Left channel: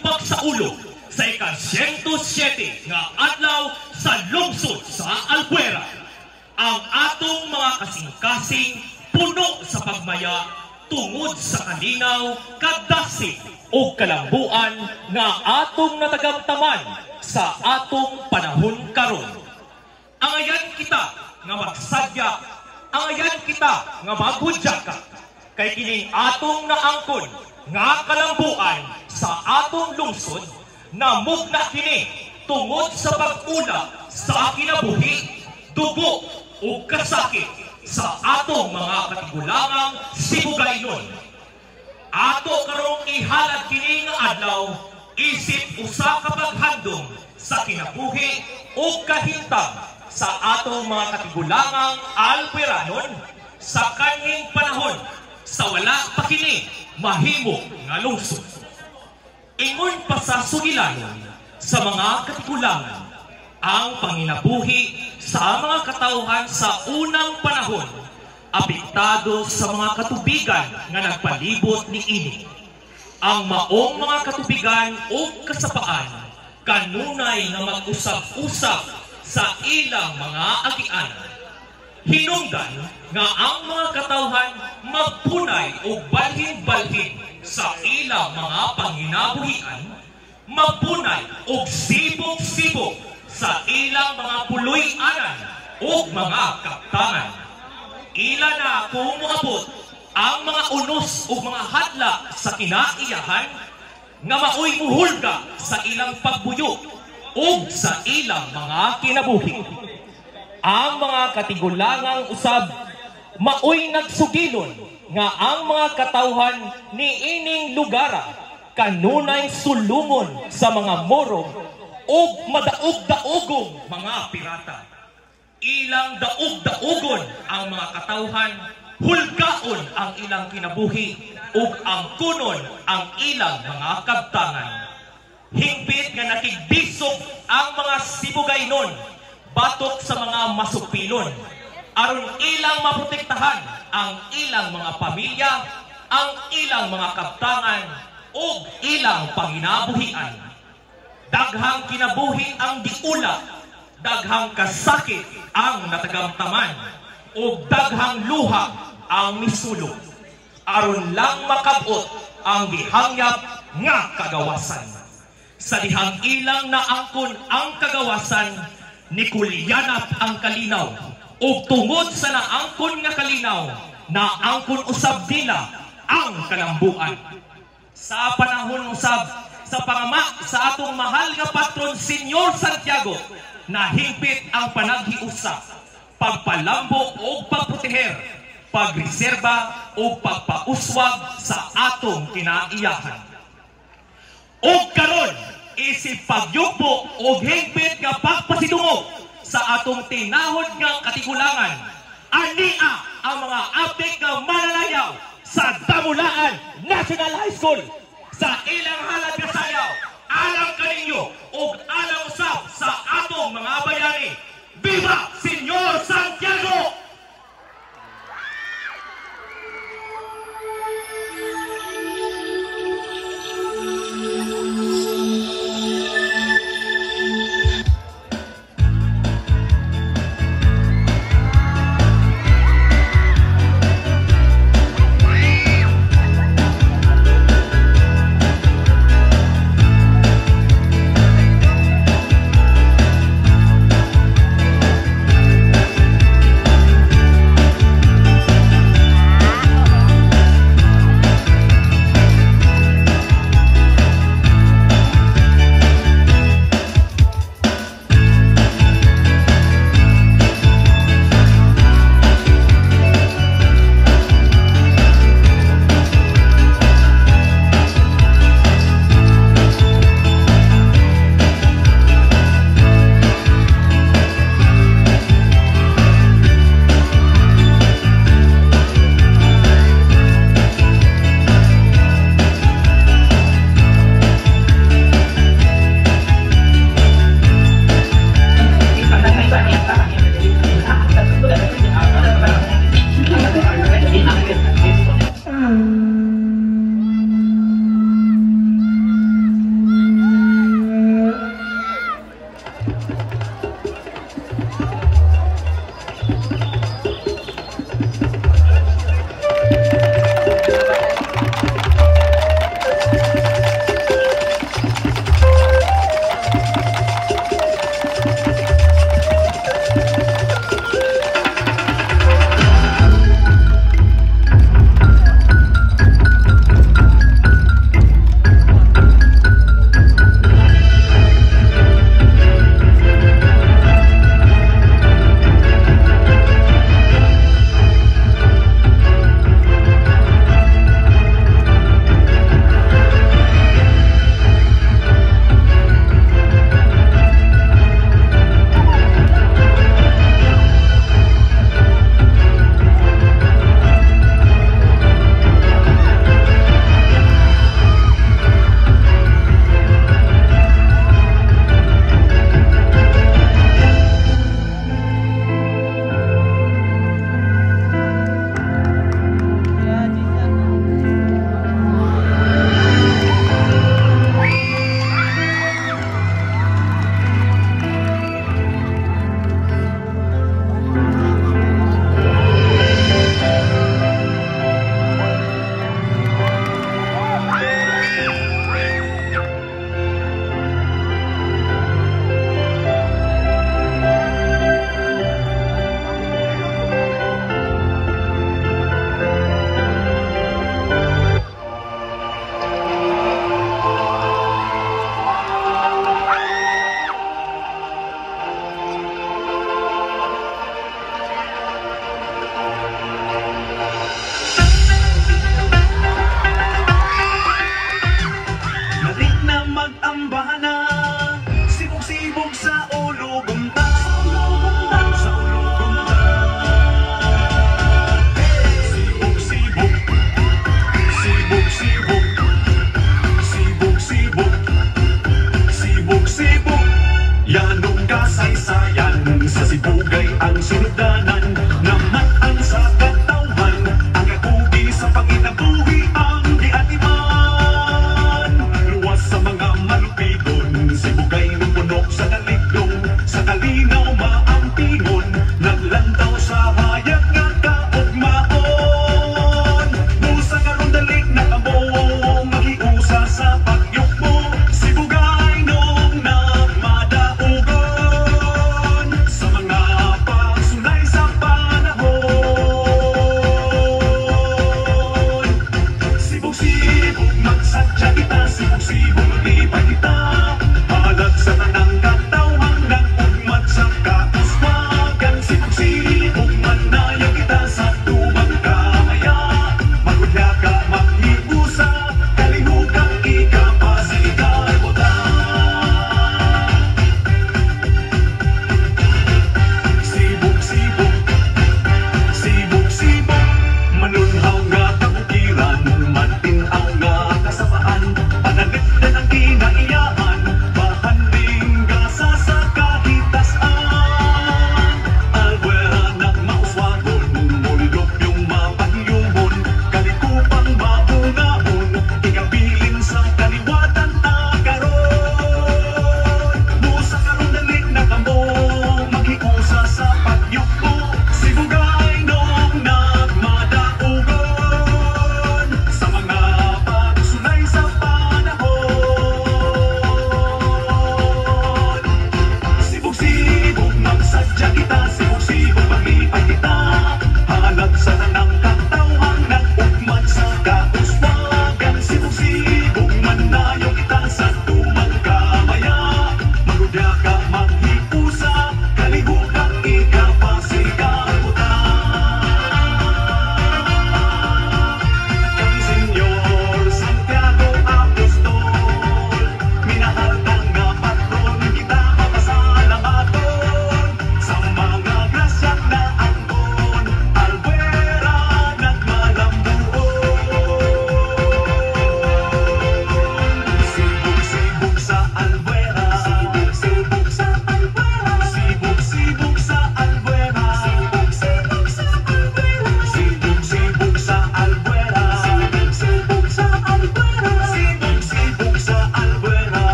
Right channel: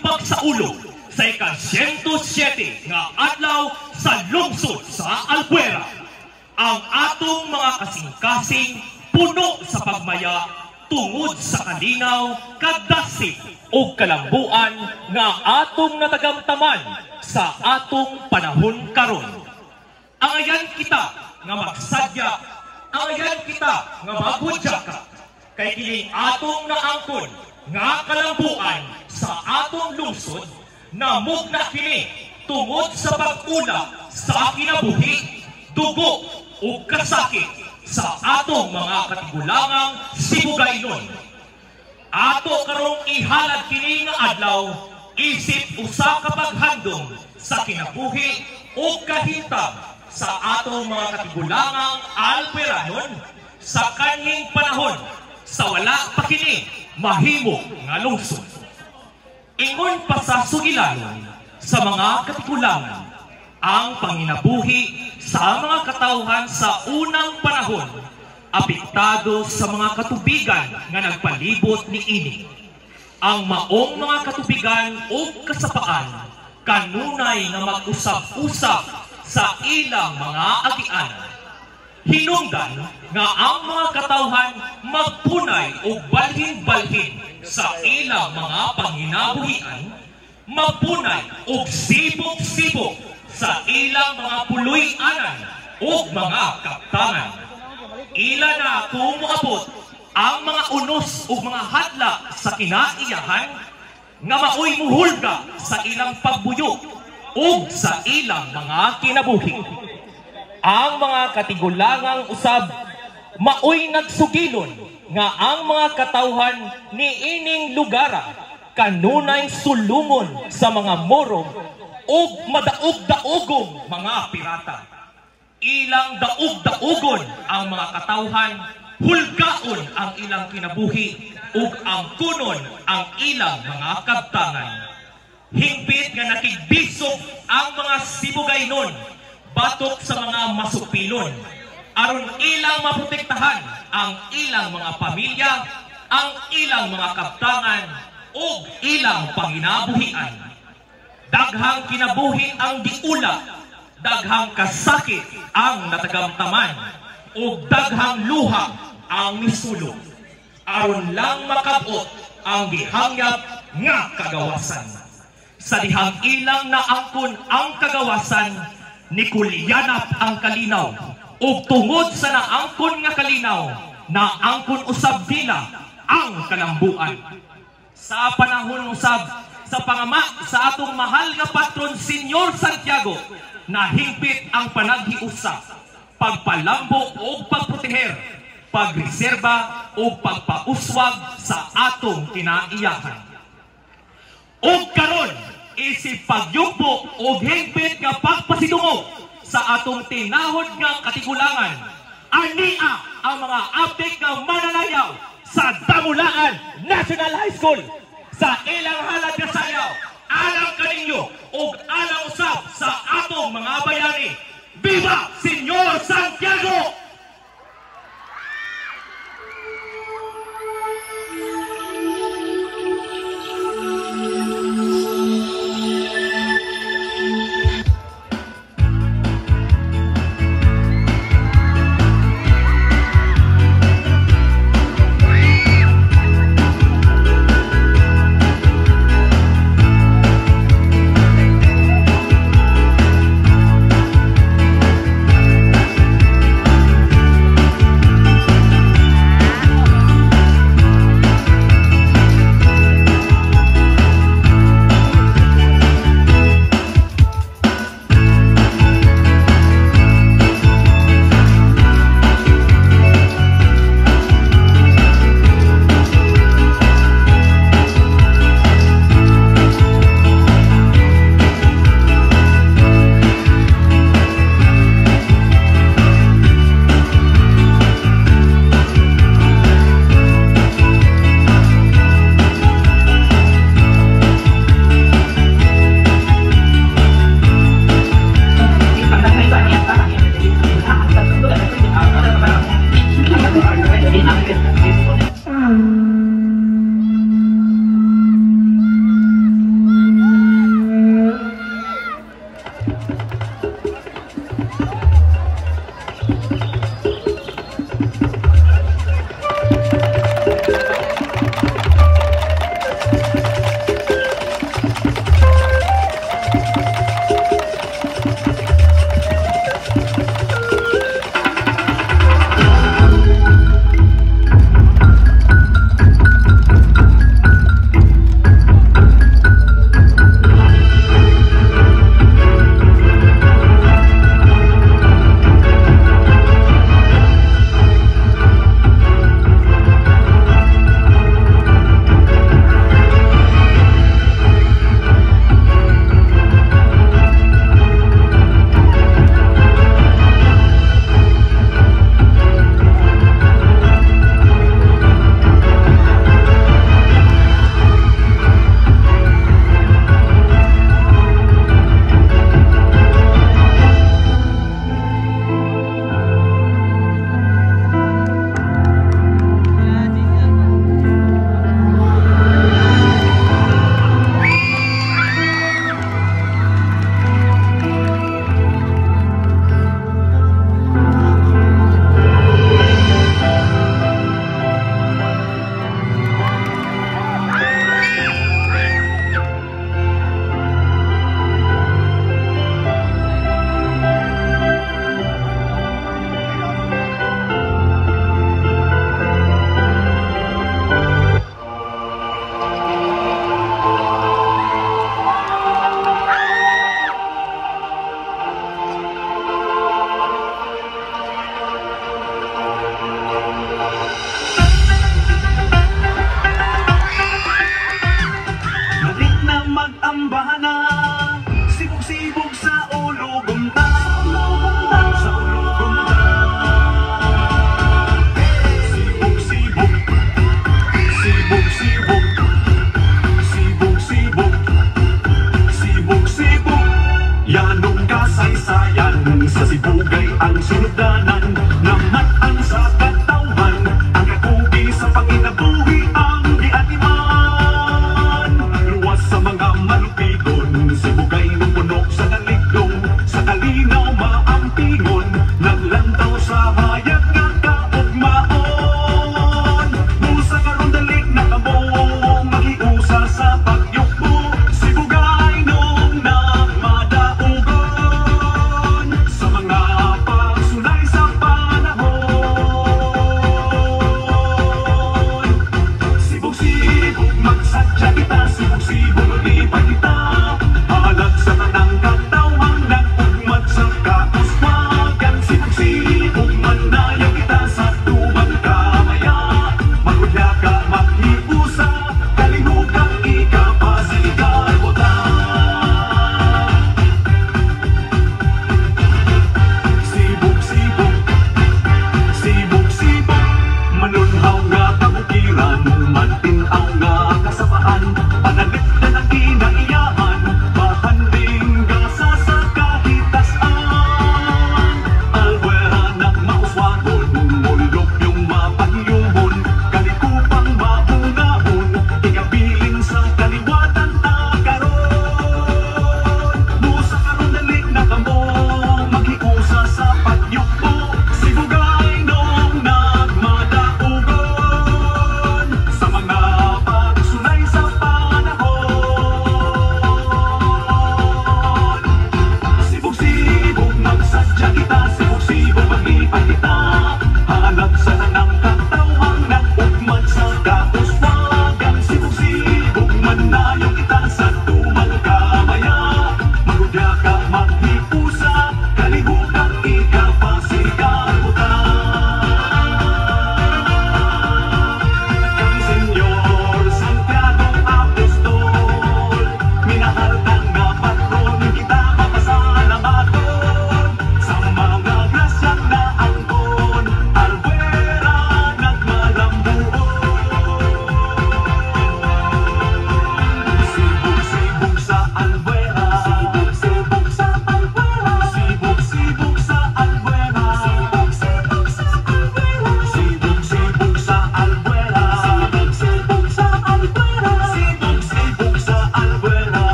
sa ulo sa ika-107 nga adlaw sa lungsod sa Albuera. Ang atong mga kasing-kasing puno sa pagmaya tungod sa kalinaw, kadasig o kalambuan nga atong natagamtaman sa atong panahon karon. Angayan kita nga magsadya, angayan kita nga magbudyaka, kay kining atong naangkon nga kalambuan sa atong lungsod na mugna kini tungod sa pag-ula sa kinabuhi, dugo o kasakit sa atong mga katigulangang sibugaynon. Ato karong ihalad kini nga adlaw isip usa ka paghandom sa kinabuhi o kahintang sa atong mga katigulangang Albueranon sa kanhing panahon sa wala pa kini mahimo nga lungsod. Ingon pa sa sugilanon sa mga katigulangan ang panginabuhi sa mga katawhan sa unang panahon, apektado sa mga katubigan nga nagpalibot ni ini. Ang maong mga katubigan o kasapaan kanunay nga mag-usap-usap sa ilang mga agian. Hinungdan nga ang mga katawhan magpunay o balhin-balhin sa ilang mga panginabuhian, magpunay o sibog-sibog sa ilang mga puloy-anan o mga kaptangan. Ila na kung moabot ang mga unos o mga hadla sa kinaiyahan nga maoy muhulga sa ilang pagbuyok o sa ilang mga kinabuhi. Ang mga katigulangang usab maoy nagsugilon nga ang mga katawhan ni ining lugara kanunay sulumon sa mga morong o madaog-daogong mga pirata. Ilang daog-daogon ang mga katawhan, hulgaon ang ilang kinabuhi ug ang kunon ang ilang mga kabtangan. Hingpit nga nakigbisog ang mga sibugaynon batok sa mga masupilon aron ilang maprotektahan ang ilang mga pamilya, ang ilang mga kabtangan ug ilang panginabuhian. Daghang kinabuhi ang diula, daghang kasakit ang natagamtaman ug daghang luha ang misulog aron lang makabot ang gihangyap nga kagawasan. Sa dihang ilang naangkon ang kagawasan, nikulyanap ang kalinaw ug tungod sa naangkon nga kalinaw, naangkon usab nila ang kalambuan. Sa panahon usab sa pangama sa atong mahal nga patron Senyor Santiago, nahingpit ang panaghiusa, pagpalambo o pagputeher, pagreserba o pagpauswag sa atong kinaiyahan. O karon, isip pagyupo o hingpit nga pagpasidungog sa atong tinahod nga katigulangan. Ania ang mga apik nga mananayaw sa Damulaan National High School sa ilang halad nga sayaw, alang kaninyo o alang usab sa atong mga bayani. Viva